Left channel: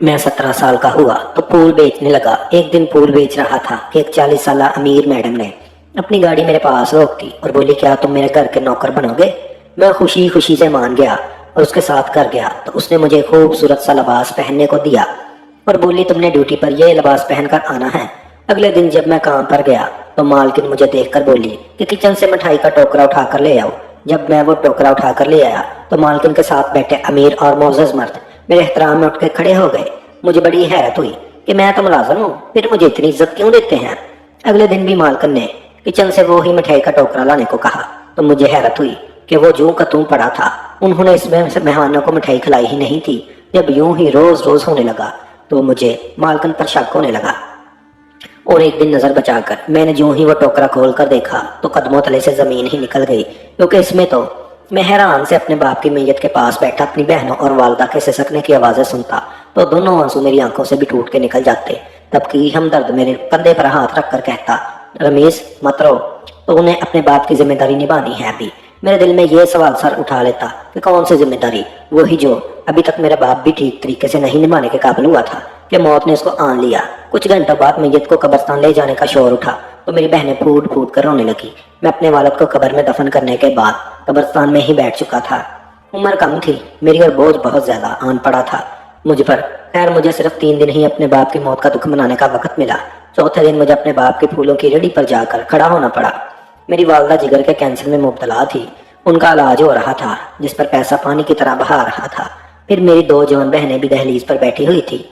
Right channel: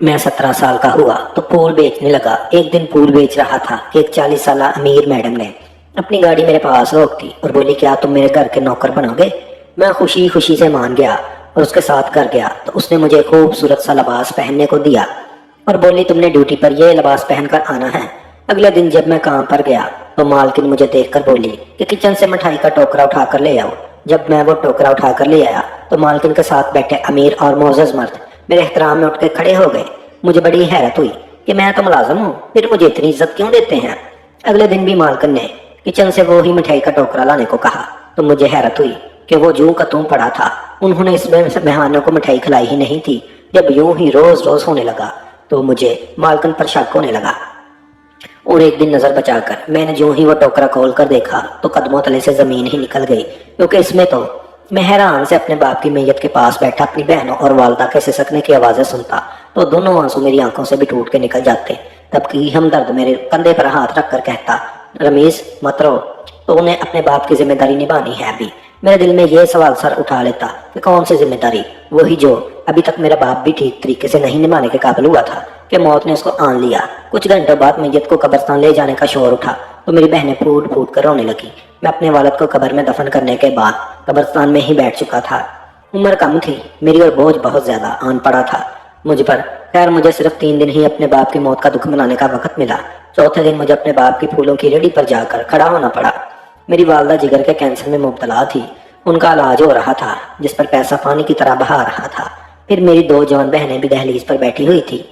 मैं 17 साल का हुआ तो फूल बेचने लगा। एक दिन फूल बेच रहा था कि एक 40 साल अमीर मैडम ने अपनी गाड़ी मेरे पास रोक दी और बोली, क्या तुम मेरे घर के नौकर बनोगे? मैं खुशी खुशी से मान गया और उसके साथ घर गया तो उसने मुझे खूबसूरत सा लिबास पहनने को दिया और बोली, तुमने ड्यूटी पर यह लिबास पहनकर आना है। अगले दिन जब मैं काम पर गया तो मालकिन मुझे देखकर बोली कि किचन से मिठाई का टोकरा उठाकर ले आओ। जब मैं वो टोकरा उठाकर ले आया तो मालकिन के साथ बैठे अमीर और मोअज़्ज़ज़ मर्द मेरे एहतराम में उठ के खड़े हो गए। मुझे बड़ी हैरत हुई कि मैं तो मुलाजिम हूँ, फिर मुझे इतनी इज्जत क्यों देते हैं। अगले दिन भी मालकिन ने किचन से वो ही मिठाई का टोकरा लाने को कहा तो मुझे हैरत हुई कि वो जूं का त्यों पड़ा था। उन्होंने इसमें से मेहमानों को मिठाई खिलाई ही नहीं थी। जब यूं ही रोज रोज होने लगा तो मुझे मालकिन पर शक होने लगा और एक दिन नजर बचाकर मैंने जो ही वो टोकरा खोल कर देखा तो कदमों तले से जमीन ही निकल गई, क्योंकि इसमें तो मैं हैरान से अपने बाप की मैयत के पास बैठा अपनी बहनों और वालदा के सिसकने की आवाजें सुनता तो दोनों आंसू मेरी आंखों से भी टूट के निकल जाते। तब की हमदर्द मेरे कंधे पर हाथ रखकर कहता, रमीज मत रो, तो उन्हें अपने बाप की जिम्मेदारी निभानी है। अभी मेरे दिल में यह सवाल सर उठा लेता कि कौन सी जिम्मेदारी? वही जो अभी तक मेरा बाप भी ठीक तरीके से नहीं निभाने के काबिल हुआ था कि मौत ने उसको आन लिया। कुछ घंटों बाद मैयत को कब्रिस्तान ले जाने का शोर उठा तो मेरी बहनें फूट फूट कर रोने लगी। मैं अपने वालिद को कब्र में दफन करने के बाद कब्रिस्तान में ही बैठ चुका था। उम्र कम थी मेरी और बोझ बहुत ज्यादा आन पड़ा था मुझ पर। खैर मुझे सिर्फ 3 दिन ही अपने बाप की मौत का दुख मनाने का वक्त मिला। चौथे दिन मुझे अपने बाप की फूलों की रेडी पर जाकर खड़ा होना पड़ा। मेरी वालदा जिगर के कैंसर में मुब्तला थी। उनका इलाज हो रहा था जिस पर पैसा पानी की तरह बहा रहा था। फिर मेरी 2 जवान बहनें भी दहलीज पर बैठी हुई थी।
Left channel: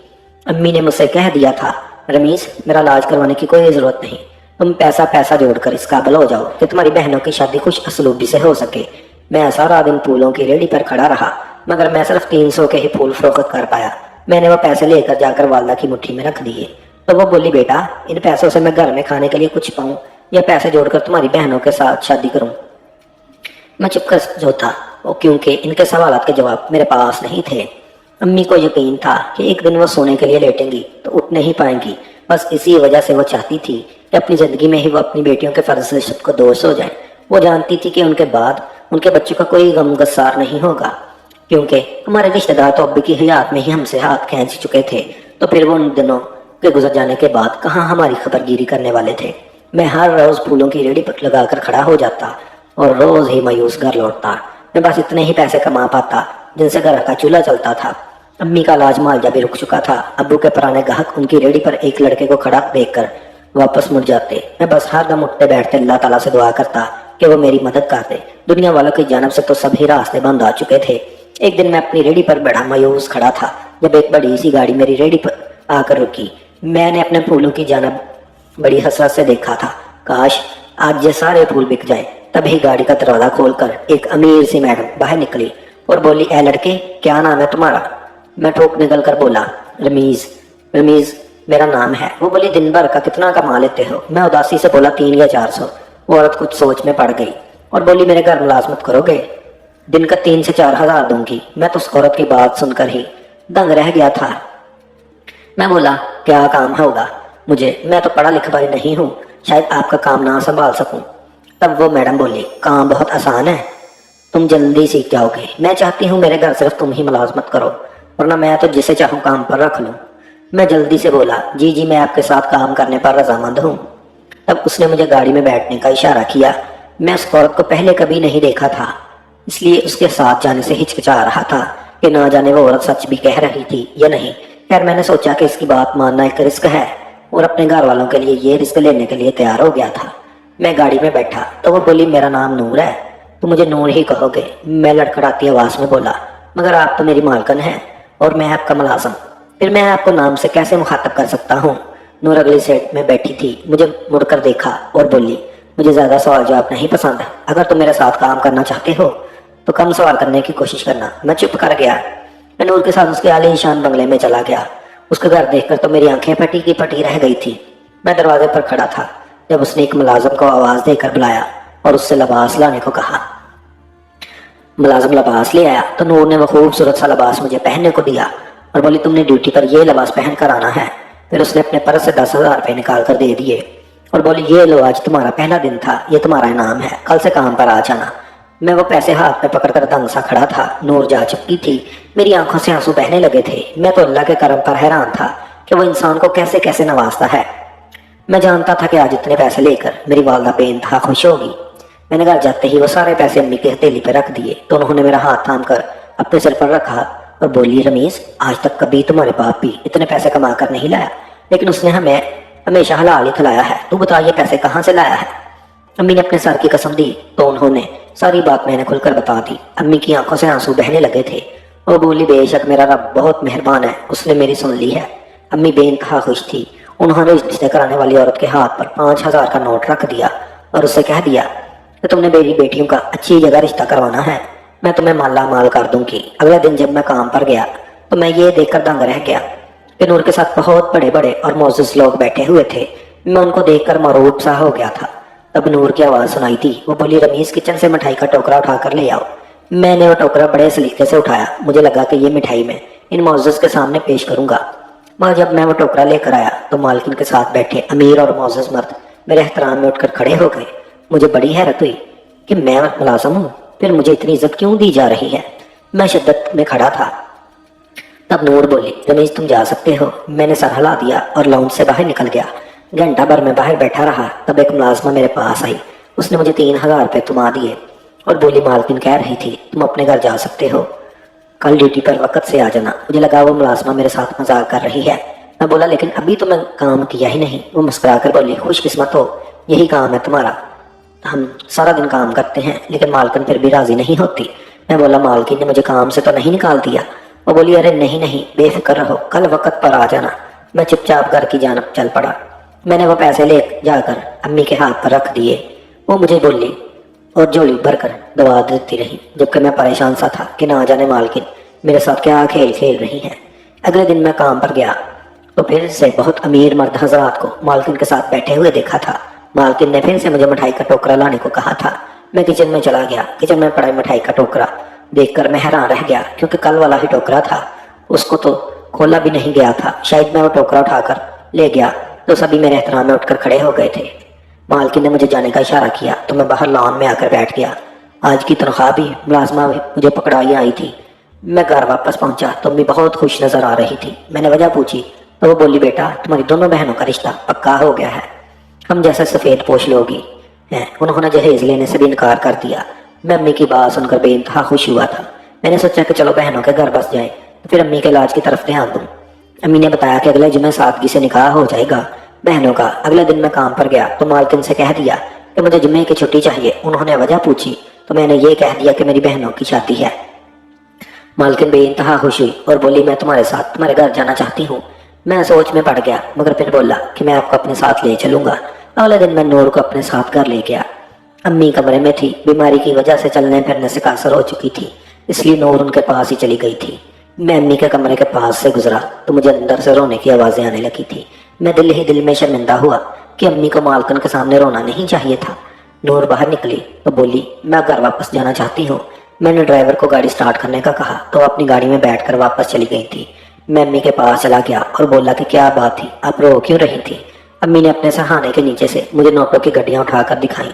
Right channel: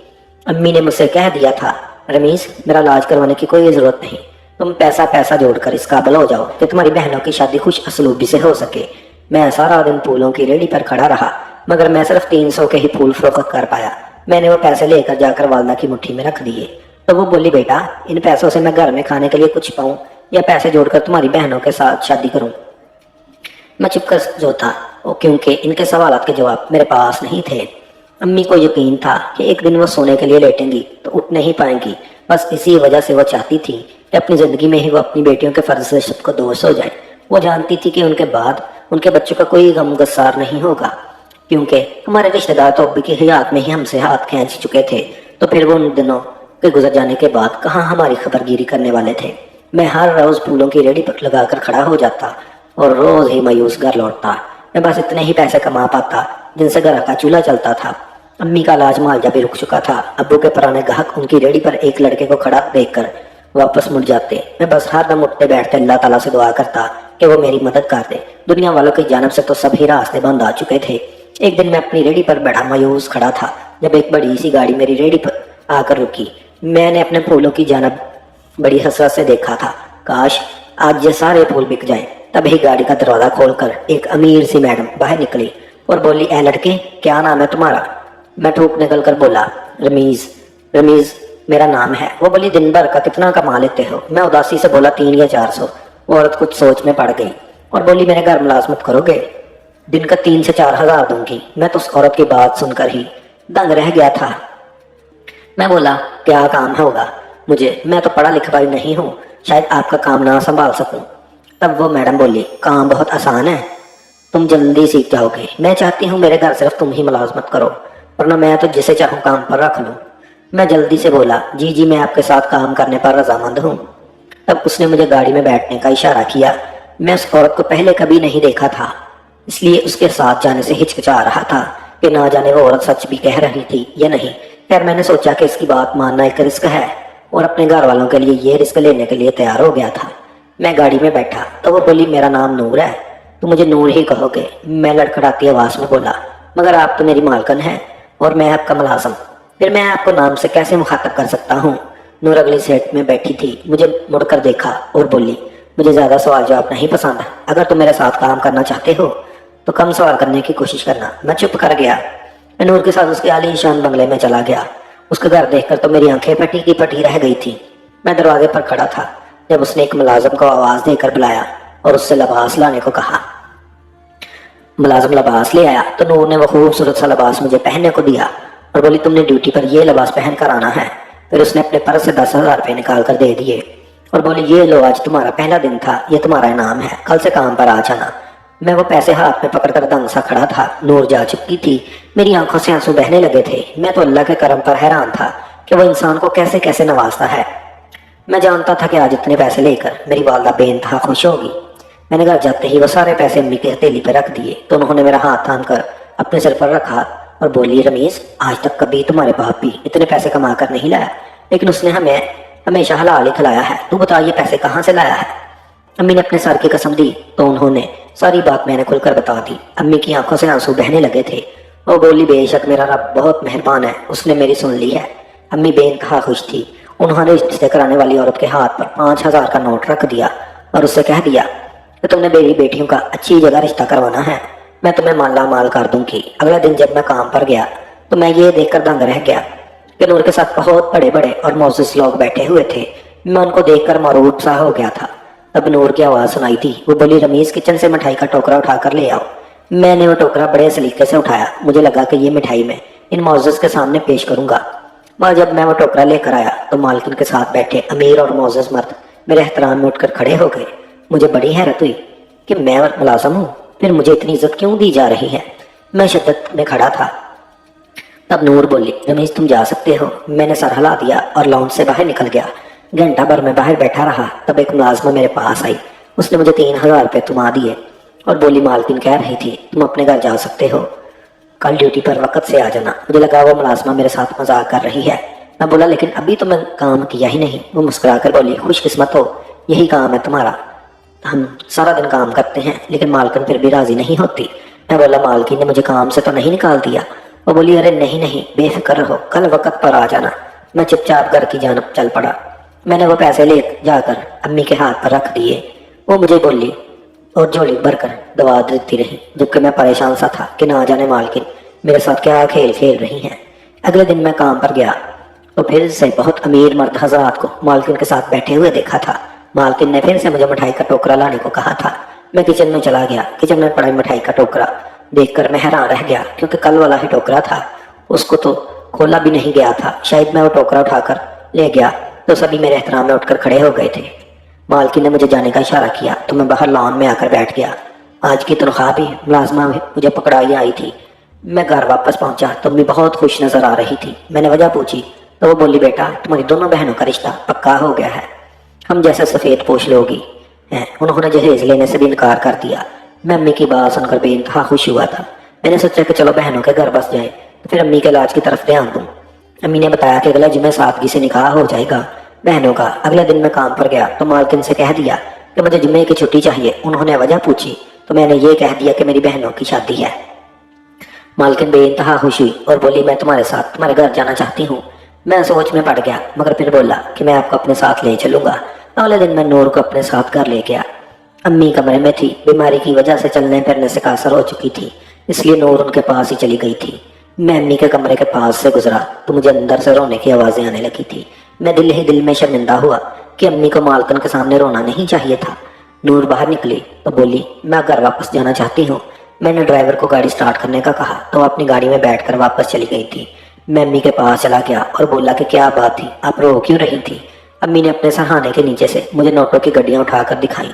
अम्मी ने मुझसे कह दिया था, रमीज मेरा इलाज करवाने की कोई जरूरत नहीं, तुम पैसा जोड़कर इस काबिल हो जाओ कि तुम्हारी बहनों की शादी खुश असलूबी से हो सके। मैं सारा दिन फूलों की रेडी पर खड़ा रहा मगर मैं सिर्फ 300 के ही फूल फरोख्त कर पाया। मैंने वो पैसे लेकर जाकर वालदा की मुट्ठी में रख दिए तो वो बोली, बेटा इन पैसों से मैं घर में खाने के लिए कुछ पाऊं या पैसे जोड़कर तुम्हारी बहनों के साथ शादी करूं। मैं चुप कर जो था वो क्योंकि इनके सवालों के जवाब मेरे पास नहीं थे। अम्मी को यकीन था कि एक दिन वो सोने के लिए लेटेंगी तो उठ नहीं पाएंगी। बस इसी वजह से वो चाहती थी कि अपनी जिंदगी में ही वो अपनी बेटियों के फर्ज से सबको दोष हो जाए। वो जानती थी कि उनके बाद उनके बच्चों का कोई गम गस्सार नहीं होगा, क्योंकि हमारे रिश्तेदार तो अब्बी की हयात में ही हमसे हाथ खींच चुके थे। तो फिर वो उन दिनों के गुजर जाने के बाद कहाँ हमारी खबरगिरी करने वाले थे। मैं हर रोज फूलों की रेडी पर लगाकर खड़ा हो जाता और रोज ही मायूस घर लौटता। मैं बस इतने ही पैसे कमा पाता जिनसे घर का चूल्हा चलता था। अम्मी का इलाज मुआवजा भी रुक चुका था। अब्बू के पुराने ग्राहक उनकी रेडी पर एक लड़के को खड़ा देखकर वापस मुड़ जाते। मैं बस हर दम उठते बैठते अल्लाह ताला से दुआ करता कि वो मेरी मदद कर दे। दुनिया वालों की जानब से तो सभी रास्ते बंद आ चुके थे। एक दिन मैं अपनी रेडी पर बड़ा मायूस खड़ा था जब एक बड़ी सी गाड़ी मेरी रेडी पर आकर रुकी। मैंने अपने फूलों की जानब बड़ी हसरत से देखा था, काश आज ये सारे फूल बिक जाएं। तभी गाड़ी का दरवाजा खोलकर एक अमीर सी मैडम बाहर निकली और बोली, ए लड़के क्या नाम है तुम्हारा? मैं ठोक निकल कर बोला, रमीज। रमीज मेरा नाम है। वो बोली, दिन भर का कितना कमा लेते हो? मैं उदासी से बोला, 3 या 400। वो औरत कुछ सोच में पड़ गई और बोली, मेरे घर मुलाजमत करोगे? दिन का 3 से 4 हजार दूंगी। मैं तो उस औरत की बात सुनकर ही दंग रह गया था। मैं बोला, क्या काम होगा मुझे? मैं तो पढ़ा लिखा नहीं हूँ, शायद आपका काम ना संभाल सकूं। तब वो मैडम बोली, काम बहुत आसान है, तुम जल्दी सीख जाओगे। मैं चाहती हूँ मेरे घर सिर्फ तुम ही मुलाजमत करो, वरना मैं तो जिसे चाहूँ काम पर रख लूँ। मैं जल्दी से बोला, जी जी मैं आपके साथ काम करने पर रजामंद हूँ। तब उसने मुझे गाड़ी में बैठने का इशारा किया। मैं उस औरत को पहले कभी नहीं देखा था, इसलिए उसके साथ जाने से हिचकिचा रहा था कि ना जाने वो औरत सच भी कह रही थी या नहीं। खैर मैंने सोचा कि इसकी बात मानना एक रिस्क है और अपने घर वालों के लिए ये रिस्क लेने के लिए तैयार हो गया था। मैं गाड़ी में बैठा तो वो बोली, मेरा नाम नूर है, तो मुझे नूर ही कहोगे। मैं लड़खड़ाती आवाज में बोला, मगर आप तो मेरी मालकन हैं और मैं आपका मुलाजिम, फिर मैं आपको नाम से कैसे मुखातब कर सकता हूँ? नूर अगली सीट में बैठी थी, मुझे मुड़कर देखा और बोली, मुझे ज्यादा सवाल जवाब नहीं पसंद। अगर तुम मेरे साथ काम करना चाहते हो तो कम सवाल करने की कोशिश करना। मैं चुप कर गया। मैं नूर के साथ उसके आलीशान बंगले में चला गया। उसका घर देखकर तो मेरी आंखें पटी की पटी रह गई थी। मैं दरवाजे पर खड़ा था जब उसने एक मुलाजिम को आवाज देकर बुलाया और उससे लिबास लाने को कहा। मुलाजिम लिबास ले आया तो नूर ने वो खूबसूरत सा लिबास मुझे पहनने को दिया और बोली, तुमने ड्यूटी पर ये लिबास पहन कर आना है। फिर उसने अपने पर्स से 10,000 रुपये निकाल कर दे दिए और बोली, ये लो आज तुम्हारा पहला दिन था, ये तुम्हारा इनाम है, कल से काम पर आ जाना। मैं वो पैसे हाथ में पकड़कर दंग सा खड़ा था। नूर जा चुकी थी। मेरी आंखों से आंसू बहने लगे थे। मैं तो अल्लाह के करम पर हैरान था कि वो इंसान को कैसे कैसे नवाजता है। मैं जानता था कि आज इतने पैसे लेकर मेरी वालदा बेइंतहा खुश होगी। मैंने घर जाते ही वो सारे पैसे अम्मी की हथेली पर रख दिए तो उन्होंने मेरा हाथ थाम कर अपने सिर पर रखा और बोली, रमीज, आज तक कभी तुम्हारे बाप भी इतने पैसे कमा कर नहीं लाया, लेकिन उसने हमें हमेशा हलाल ही खिलाया है। तू बता ये पैसे कहाँ से लाया है? अम्मी ने अपने सर की कसम दी तो उन्होंने सारी बात मैंने खुलकर बता दी। अम्मी की आंखों से आंसू बहने लगे थे। वो बोली, बेशक मेरा रब बहुत मेहरबान है, उसने मेरी सुन ली है। अम्मी बेइंतहा खुश थी। उन्होंने रिश्ते कराने वाली औरत के हाथ पर 5,000 का नोट रख दिया और उससे कह दिया कि तुमने मेरी बेटियों का अच्छी जगह रिश्ता करवाना है, मैं तुम्हें माला माल कर दूंगी। अगला दिन जब मैं काम पर गया तो मैं ये देखकर दंग रह गया कि नूर के साथ बहुत बड़े बड़े और मोअज़्ज़िज़ लोग बैठे हुए थे। मैं उनको देखकर मरूब सा हो गया था। तब नूर की आवाज़ सुनाई थी। वो बोली, रमीज, किचन से मिठाई का टोकरा उठा कर ले आओ। मैंने वो टोकरा बड़े सलीके से उठाया। मुझे लगा कि ये मिठाई मैं इन मोअज़्ज़िज़ के सामने पेश करूंगा। मगर जब मैं वो टोकरा लेकर आया तो मालकिन के साथ बैठे अमीर और मोअज़्ज़िज़ मर्द मेरे एहतराम में उठकर खड़े हो गए। मुझे बड़ी हैरत हुई कि मैं मुलाज़िम हूँ, फिर मुझे इतनी इज्जत क्यों दी जा रही है। मैं शिद्दत में खड़ा था। तब नूर बोली, रमेश, तुम जा सकते हो। मैंने सर हिला दिया और लाउंज से बाहर निकल गया। घंटा भर में बाहर बैठा रहा। तब एक मुलाज़िमा मेरे पास आई। उसने मुझे 3,000 रुपये थमा दिए और बोली, मालकिन कह रही थी तुम अपने घर जा सकते हो, कल ड्यूटी पर वक्त से आ जाना। मुझे लगा वो मुलाज़िमा मेरे साथ मजाक कर रही है। मैं बोला, लेकिन अभी तो मैं काम किया ही नहीं। वो मुस्कुरा कर बोली, खुशकिस्मत हो, यही काम है तुम्हारा। हम सारा दिन काम करते हैं लेकिन मालकिन फिर भी राजी नहीं होती। मैं बोला, मालकिन ने मुझे काम से तो नहीं निकाल दिया? वो बोली, अरे नहीं नहीं, बेफिक्र रहो, कल वक्त पर आ जाना। मैं चुपचाप घर की जानब चल पड़ा। मैंने वो पैसे ले जाकर अम्मी के हाथ पर रख दिए। वो मुझे बोली और झोली भरकर दवा देती रही, जबकि मैं परेशान सा था कि ना जाने मालकिन मेरे साथ क्या खेल खेल रही हैं। अगले दिन मैं काम पर गया तो फिर से बहुत अमीर मर्द हजरात को मालकिन के साथ बैठे हुए देखा था। मालकिन ने फिर से मुझे मिठाई का टोकरा लाने को कहा था। मैं किचन में चला गया। किचन में पड़ा मिठाई का टोकरा देखकर मैं हैरान रह गया, क्योंकि कल वाला ही टोकरा था, उसको तो खोला भी नहीं गया था। शायद मैं वो टोकरा उठाकर ले गया तो सभी मेरे एहतराम में उठकर खड़े हो गए थे। मालकिन ने मुझे जाने का इशारा किया तो मैं बाहर लॉन में आकर बैठ गया। आज की तनख्वाह भी मुलाजमा मुझे पकड़ाई आई थी। मैं घर वापस पहुंचा तो मैं बहुत खुश नजर आ रही थी। मैंने वजह पूछी तो वो बोली, बेटा, तुम्हारी दोनों बहनों का रिश्ता पक्का हो गया है, हम जैसे सफ़ेद पोश लोगी हैं। उन्होंने जहेज लेने से भी इनकार कर दिया। मैं अम्मी की बात सुनकर बेइंतहा खुश हुआ था। मैंने सोचा कि चलो बहनों के घर बस जाए तो फिर अम्मी के इलाज की तरफ ध्यान दूँ। अम्मी ने बताया कि अगले जुमे सादगी से निकाह हो जाएगा बहनों का। अगले दिन मैं काम पर गया तो मालकिन से कह दिया कि मुझे जुम्मे की छुट्टी चाहिए। उन्होंने वजह पूछी तो मैंने ये कह दिया कि मेरी बहनों की शादी है। मालकिन बेइंतहा खुश हुई और बोली, मैं तुम्हारे साथ तुम्हारे घर जाना चाहती हूँ। मैं सोच में पड़ गया, मगर फिर बोला कि मैं आपको अपने साथ ले चलूंगा। अगले दिन मैं नूर को अपने साथ घर ले गया। अम्मी कमरे में थी। बीमारी की वजह से चलने फिरने से कासर हो चुकी थी, इसलिए नूर उनके पास ही चली गई थी। मैं अम्मी के कमरे के पास से गुजरा तो मुझे अंदर से रोने की आवाज़ें आने लगी थी। मैं दिल ही दिल में शर्मिंदा हुआ कि अम्मी को मालकिन के सामने रोना नहीं चाहिए था। नूर बाहर निकली तो बोली, मैं घर वापस जाना चाहती हूँ। मैंने ड्राइवर को गाड़ी स्टार्ट करने का कहा तो अपनी गाड़ी में बैठकर वापस चली गई थी। मैं अम्मी के पास चला गया और बोला कि क्या बात थी, आप रो क्यों रही थी? अम्मी ने अपने सहाने के नीचे से मुझे नोटों की गड्डियाँ उठाकर दिखाई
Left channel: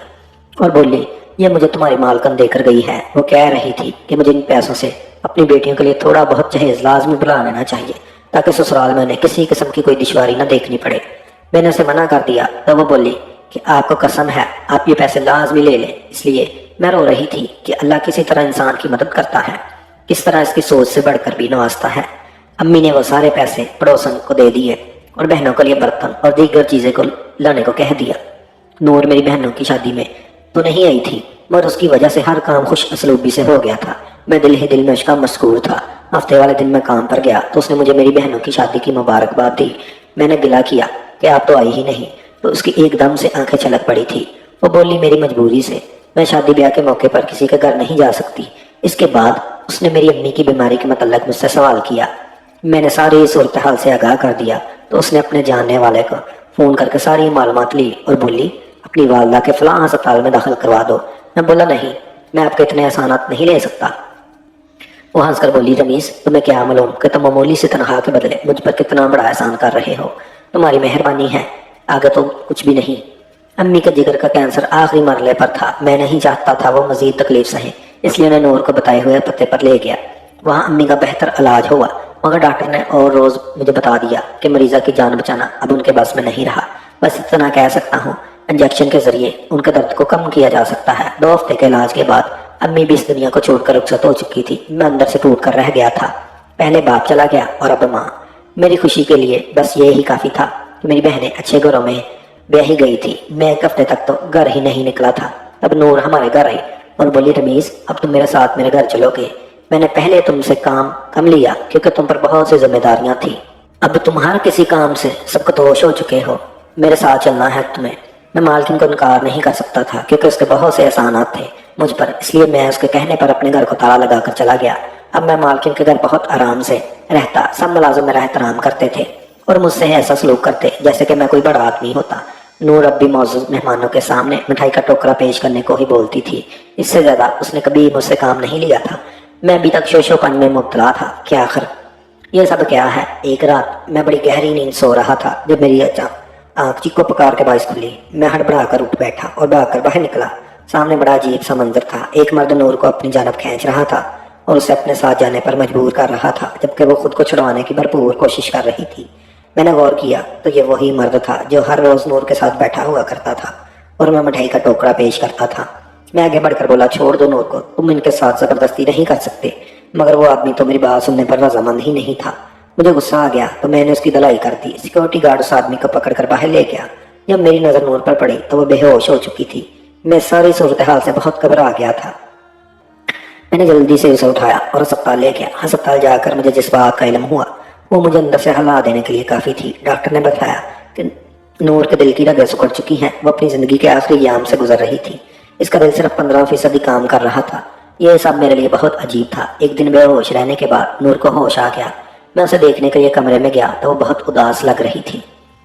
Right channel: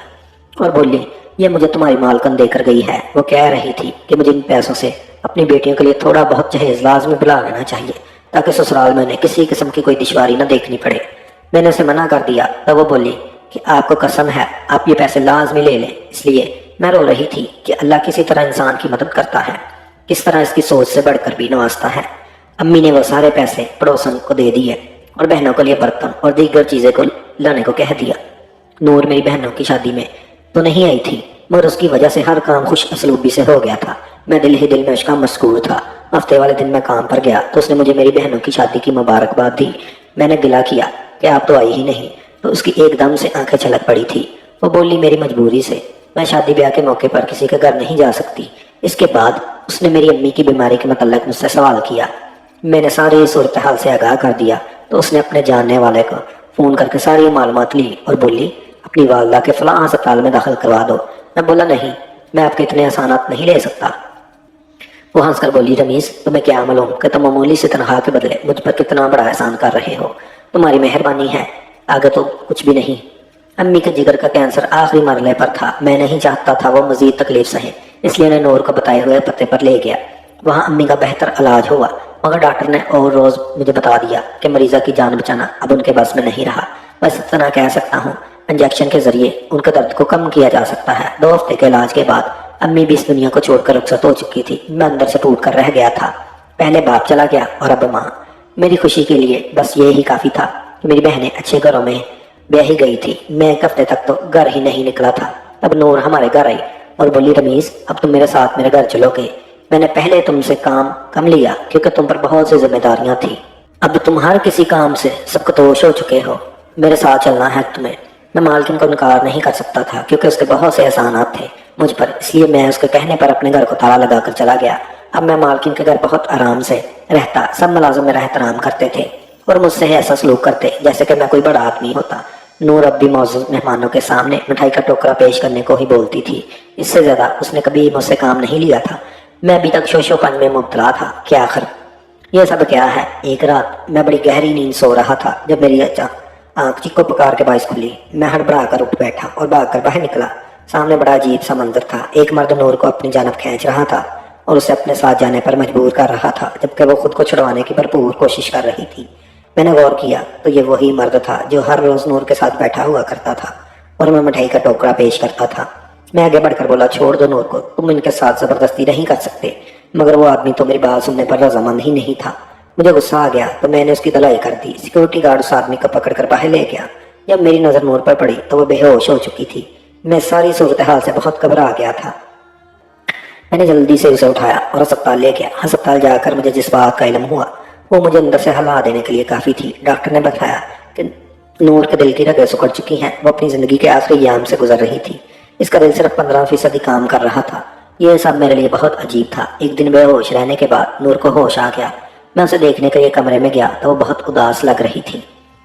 और बोली, ये मुझे तुम्हारी मालकिन देकर गई है। वो कह रही थी कि मुझे इन पैसों से अपनी बेटियों के लिए थोड़ा बहुत जहेज लाजमी बुला लेना चाहिए ताकि ससुराल में उन्हें किसी किस्म की कोई दुश्वारी न देखनी पड़े। मैंने उसे मना कर दिया। तब वो बोली कि आपको कसम है आप ये पैसे लाजमी ले लें। इसलिए मैं रो रही थी कि अल्लाह किसी तरह इंसान की मदद करता है, किस तरह इसकी सोच से बढ़कर भी नवाजता है। अम्मी ने वो सारे पैसे पड़ोसन को दे दिए और बहनों के लिए बर्तन और दीगर चीज़ें को लाने को कह दिया। नूर मेरी बहनों की शादी में तो नहीं आई थी, मगर उसकी वजह से हर काम खुश असलूबी से हो गया था। मैं दिल ही दिल में उसका मशगूल था। हफ्ते वाले दिन मैं काम पर गया तो उसने मुझे मेरी बहनों की शादी की मुबारकबाद दी। मैंने गिला किया कि आप तो आई ही नहीं, तो उसकी एकदम से आंखें छलक पड़ी थी। वो बोली, मेरी मजबूरी से मैं शादी ब्याह के मौके पर किसी के घर नहीं जा सकती। इसके बाद उसने मेरी अम्मी की बीमारी के मतलब मुझसे सवाल किया। मैंने सारी सूरत हाल से आगाह कर दिया तो उसने अपने जानने वाले को फ़ोन करके सारी मालूमात ली और बोली, अपनी वालदा के फलां अस्पताल में दाखिल करवा दो। मैं बोला, नहीं, मैं आपके इतने एहसानात नहीं ले सकता। वो हंस कर बोली, रमीज, तुम्हें क्या मालूम कि तुम मामूली से तनख्वाह के बदले मुझ पर कितना बड़ा एहसान कर रहे हो। तुम्हारी मेहरबानी है, आगे तो कुछ भी नहीं। अम्मी के जिगर का कैंसर आखिरी मरले पर था। मैं नहीं चाहता था वो मजीद तकलीफ सहे, इसलिए मैं नूर को बताए हुए पते पर ले गया। वहाँ अम्मी का बेहतर इलाज हुआ, मगर डॉक्टर ने और रोज़ मुझे बता दिया कि मरीज़ा की जान बचाना अब उनके बस में नहीं रहा। बस इतना कह सकता हूँ, इंजेक्शन के ज़रिए उनके दर्द को कम किया जा सकता है। 2 हफ्ते के इलाज के बाद अम्मी भी इस दुनिया को छोड़कर रुखसत हो चुकी थी। मैं अंदर से टूट कर रह गया था। पहले बाप चला गया और अब माँ। मेरी खुशी के लिए बस ये ही काफ़ी था कि मेरी बहनें अच्छे घरों में ब्याही गई थी। मैं 1 हफ्ते तक तो घर ही नहीं निकला था। तब नूर हमारे घर आई और बोली, रमीज अब तुम मेरे साथ मेरे घर चलोगे। मैंने पहले तुमसे काम कम लिया क्योंकि तुम पर बहुत सी जिम्मेदारियां थी। अब तुम हर किसी काम से सकतोश हो चुके हो। मेरे साथ चलना है तुम्हें। मैं मालकिन को इनकार नहीं कर सकता था क्योंकि उसके बहुत से एहसानात थे मुझ पर, इसलिए मैं उसके कहने पर अपने घर को ताला लगाकर चला गया। अब मैं मालकिन के घर बहुत आराम से रहता। सब मुलाजिम मेरा एहतराम करते थे और मुझसे ऐसा सलूक करते जैसे कि मैं कोई बड़ा आदमी होता। नूर अब भी मौजूद मेहमानों के सामने मिठाई का टोकरा पेश करने को ही बोलती थी। इससे ज्यादा उसने कभी मुझसे काम नहीं लिया था। मैं अभी तक शोशोपन में मुब्तला था कि आखिर यह सब क्या है। एक रात मैं बड़ी गहरी नींद सो रहा था जब मेरी आँख चिक्को पकार के बाइस खुली। मैं हड़बड़ा कर उठ बैठा और भागकर बाहर निकला। सामने बड़ा अजीब सा मंजर था। एक मर्द नूर को अपनी जानब खींच रहा था और उसे अपने साथ जाने पर मजबूर कर रहा था, जबकि वो खुद को छुड़वाने की भरपूर कोशिश कर रही थी। मैंने गौर किया तो ये वही मर्द था जो हर रोज नूर के साथ बैठा हुआ करता था और मैं मिठाई का टोकरा पेश करता था। मैं आगे बढ़कर बोला, छोड़ दो नूर को, तुम इनके साथ जबरदस्ती नहीं कर सकते। मगर वो आदमी तो मेरी बात सुनने पर रजामंद ही नहीं था। मुझे गुस्सा आ गया तो मैंने उसकी धलाई कर दी। सिक्योरिटी गार्ड उस आदमी को पकड़कर बाहर ले गया। जब मेरी नजर नूर पर पड़ी तो वो बेहोश हो चुकी थी। मैं सारी सूरत हाल से बहुत घबरा गया था। मैंने जल्दी से उसे उठाया और अस्पताल ले गया। अस्पताल जाकर मुझे जिस बात का इल्म हुआ वो मुझे अंदर से हला देने के लिए काफी थी। डॉक्टर ने बताया कि नूर के दिल की रगें सिकुड़ चुकी हैं। वो अपनी जिंदगी के आखिरी याम से गुजर रही थी। इसका दिल सिर्फ 15% काम कर रहा था। यह सब मेरे लिए बहुत अजीब था। एक दिन बेहोश रहने के बाद नूर को होश आ गया। मैं उसे देखने के लिए कमरे में गया तो वो बहुत उदास लग रही थी।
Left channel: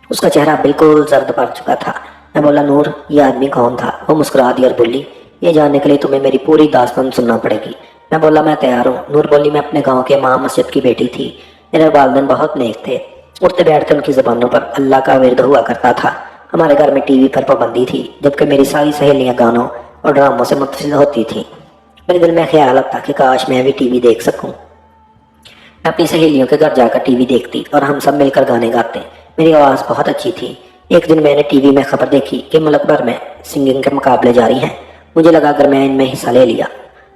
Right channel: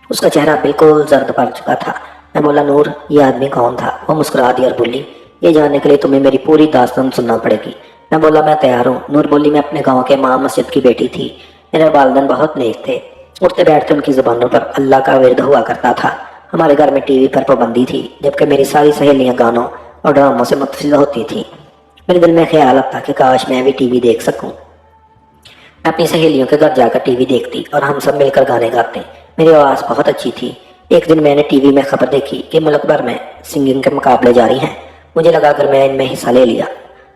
उसका चेहरा बिल्कुल जर्द पड़ चुका था। मैं बोला, नूर ये आदमी कौन था? वो मुस्कुरा दी और बोली, ये जानने के लिए तुम्हें मेरी पूरी दास्तान सुनना पड़ेगी। मैं बोला, मैं तैयार हूँ। नूर बोली, मैं अपने गाँव के इमाम मस्जिद की बेटी थी। मेरे वालिदैन बहुत नेक थे। उठते बैठते उनकी जुबानों पर अल्लाह का विर्द हुआ करता था। हमारे घर में टीवी पर पाबंदी थी, जबकि मेरी सारी सहेलियां गानों और ड्रामों से मुतफिल होती थी। मेरे दिल में ख्याल आता कि काश मैं भी टीवी देख सकूं। मैं अपनी सहेलियों के घर जाकर टीवी देखती और हम सब मिलकर गाने गाते। मेरी आवाज़ बहुत अच्छी थी। एक दिन मैंने टीवी में खबर देखी कि मुल्क भर में सिंगिंग के मुकाबले जारी हैं। मुझे लगा अगर मैं इनमें हिस्सा ले लिया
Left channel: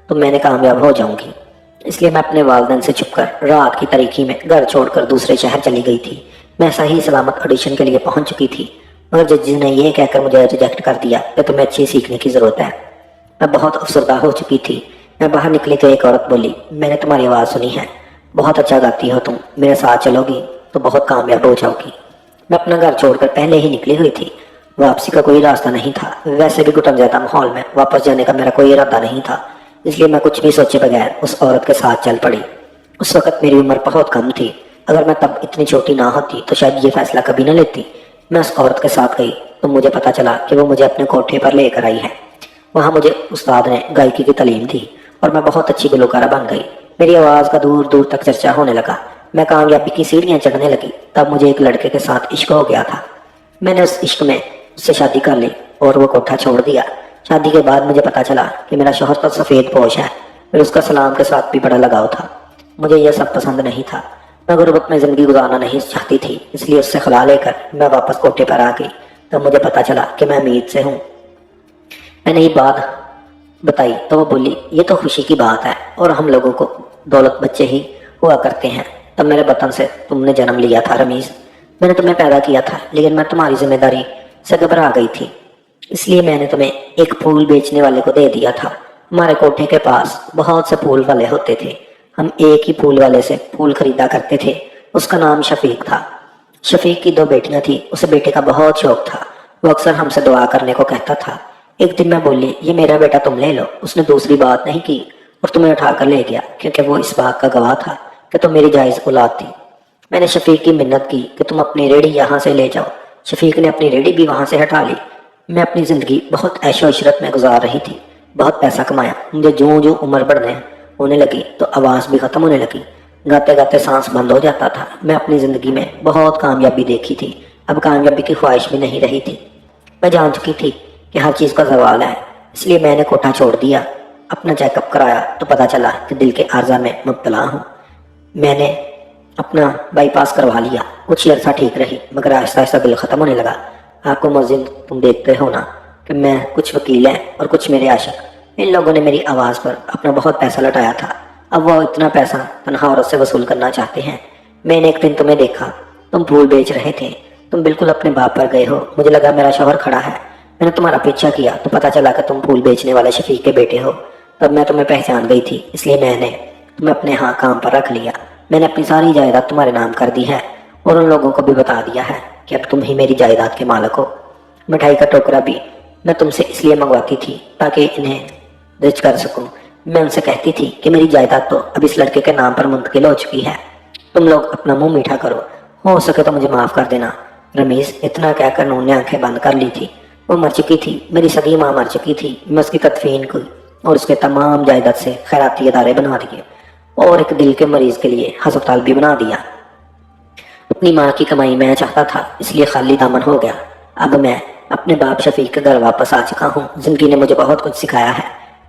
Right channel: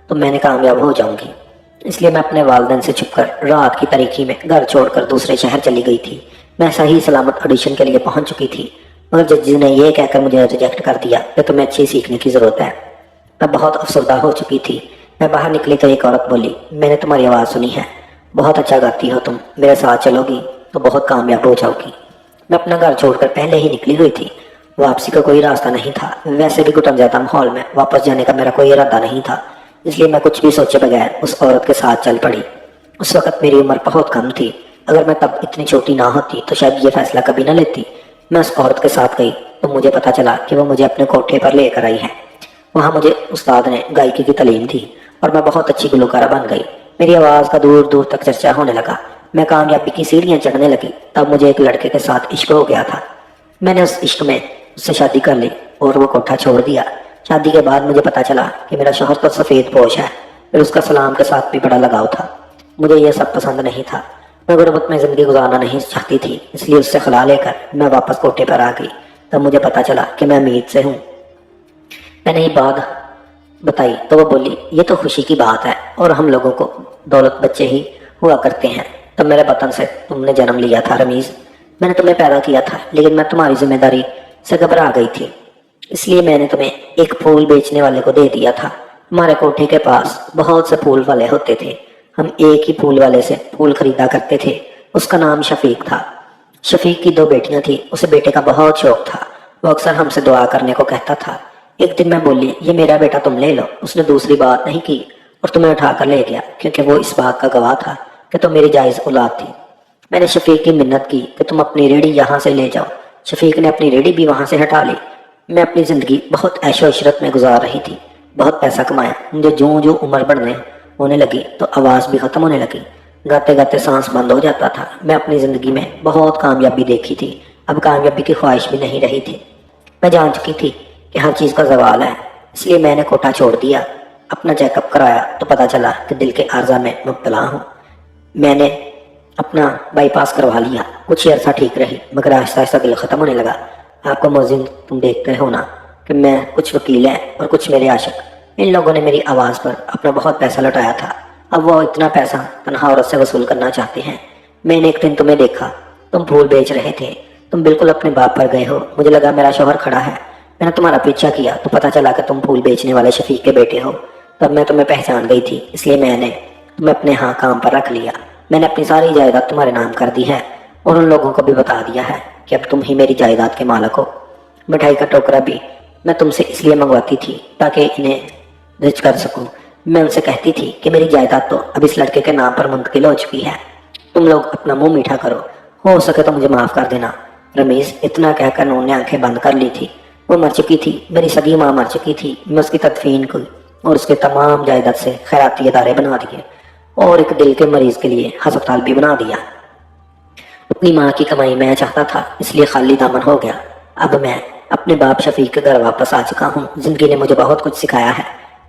तो मैंने कामयाब हो जाऊंगी। इसलिए मैं अपने वालिदैन से छुपकर रात की तारीकी में घर छोड़कर दूसरे शहर चली गई थी। मैं सही सलामत ऑडिशन के लिए पहुंच चुकी थी, मगर जज ने यह कहकर मुझे रिजेक्ट कर दिया कि तुम्हें अच्छी सीखने की जरूरत है। मैं बहुत अफसरदा हो चुकी थी। मैं बाहर निकली तो एक औरत बोली, मैंने तुम्हारी आवाज़ सुनी है, बहुत अच्छा गाती हो तुम, मेरे साथ चलोगी तो बहुत कामयाब हो जाओगी। मैं अपना घर छोड़कर पहले ही निकली हुई थी। वापसी का कोई रास्ता नहीं था। वैसे भी घुटन जाता माहौल में वापस जाने का मेरा कोई इरादा नहीं था, इसलिए मैं कुछ भी सोचे बगैर उस औरत के साथ चल पड़ी। उस वक्त मेरी उम्र बहुत कम थी। अगर मैं तब इतनी छोटी ना होती तो शायद ये फैसला कभी ना लेती। मैं उस औरत के साथ गई तो मुझे पता चला कि वो मुझे अपने कोठे पर लेकर आई है। वहाँ मुझे उस्ताद ने गायकी की तालीम दी और मैं बहुत अच्छी गुलकारा बन गई। मेरी आवाज़ का दूर दूर तक चर्चा होने लगा। मैं कामयाबी की सीढ़ियाँ चढ़ने लगी। तब मुझे एक लड़के के साथ इश्क हो गया था। मैंने उस इश्क में उससे शादी कर ली और वो कोठा छोड़ दिया। शादी के बाद मुझे पता चला कि मेरा शौहर तो सफ़ेद पोश है। फिर उसका सलाम के साथ भी बड़ा लगाव था। मुझे यह सब पसंद नहीं था। मैं गुर्बत में ज़िंदगी गुजारना नहीं चाहती थी, इसलिए उससे खला लेकर मैं वापस कोठे पर आ गई। तब मुझे पता चला कि मैं अमीर से हूँ। मैंने ये बात बताई तो वो बोली, ये तो खुशी की बात है और हम लोगों को दौलत बच्चे ही हुआ करते हैं। तब मेरे वतन से तुमने जन्म लिया था रमीज़। मैंने तुम्हें पैदा किया था, लेकिन मैं तुम्हारी जिम्मेदारी से घबरा गई थी, इसलिए मैंने तुम्हें एक फूल बेचने वाले को दे दिया था। हमारे कोठे के पास बहुत से फूल वाले होते थे। हम एक ही फूल वाले से फूल खरीदा करते थे। उसका नाम शफीक था। शफीक की 2 बेटियां थी। उसे बेटे का बहुत शौक था। वो अक्सर हमसे दुआ करने को कहता था। एक दिन मैं बोली, ये मेरा बेटा तुम ले लो। उसने दूसरी बात नहीं की और तुम्हें उठा कर ले गया, क्योंकि वो इस बात का गवाह था कि तुम मेरी जायज़ औलाद थी। मैंने शफीक की मिन्नत की कि तुम अपनी रेडी यहाँ से ले जाओ। शफीक ने अपनी रेडी भी वहाँ से हटा ली। मैं अपनी ज़िंदगी बहुत ऐशो इशरत में गुजार रही थी। बहुत पैसा कमाया। मुझे जो जो उम्र बढ़ने होने लगी तो आवाज़ भी ख़त्म होने लगी। गाते गाते सांस बंद हो जाता था। मैं अपनी ज़िंदगी में बहुत कामयाबी देखी थी। अब कामयाबी की ख्वाहिश भी नहीं रही थी। मैं जान चुकी थी कि हर चीज़ का ज़वाल है, इसलिए मैंने कोठा छोड़ दिया اپنا چیک اپ کرایا تو پتا چلا کہ دل کے عارضہ میں مبتلا ہوں۔ میں نے اپنا بائی پاس کروا لیا، کچھ عرصہ ٹھیک رہی مگر آہستہ آہستہ دل ختم ہونے لگا۔ آپ کو مؤذن تم دیکھتے ہو نا کہ میں کچھ وکیل ہیں اور کچھ میرے عاشق، ان لوگوں نے میری آواز پر اپنا بہت پیسہ لٹایا تھا، اب وہ اتنا پیسہ تنہا عورت سے وصول کرنا چاہتے ہیں۔ میں نے ایک دن تمہیں دیکھا، تم پھول بیچ رہے تھے، تم بالکل اپنے باپ پر گئے ہو، مجھے لگا میرا شوہر کھڑا ہے، میں نے تمہارا پیچھا کیا تو پتا چلا کہ تم پھول بیچنے والے شفیق کے بیٹے ہو۔ تب میں تمہیں پہچان گئی تھی، اس لیے میں نے تمہیں اپنے ہاں کام پر رکھ لیا۔ میں نے اپنی ساری جائیداد تمہارے نام کر دی ہے اور ان لوگوں کو بھی بتا دیا ہے کہ اب تم ہی میری جائیداد کے مالک ہو۔ مٹھائی کا ٹوکرا بھی میں تم سے اس لیے منگواتی تھی تاکہ انہیں درج کر سکوں۔ میں ان سے کہتی تھی کہ میری جائیداد تو اب اس لڑکے کے نام پر منتقل ہو چکی ہے، تم لوگ اپنا منہ میٹھا کرو، ہو سکے تو مجھے معاف کر دینا۔ رمیز اتنا کہہ کر انہوں نے آنکھیں بند کر لی تھی۔ وہ مر چکی تھی، میری سگی ماں مر چکی تھی، میں اس کی تدفین کی اور اس کے تمام جائیداد سے خیراتی ادارے بنا دیے اور ایک دل کے مریض کے لیے ہسپتال بھی بنا دیا۔ اپنی ماں کی کمائی میں چاہتا تھا، اس لیے خالی دامن ہو گیا۔ اب میں اپنے باپ شفیق کے گھر واپس آ چکا ہوں۔ زندگی نے مجھے بہت کچھ سکھایا ہے،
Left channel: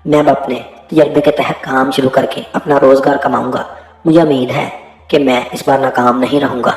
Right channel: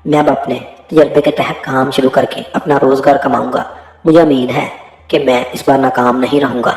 میں اب اپنے تجربے کے تحت کام شروع کر کے اپنا روزگار کماؤں گا۔ مجھے امید ہے کہ میں اس بار ناکام نہیں رہوں گا۔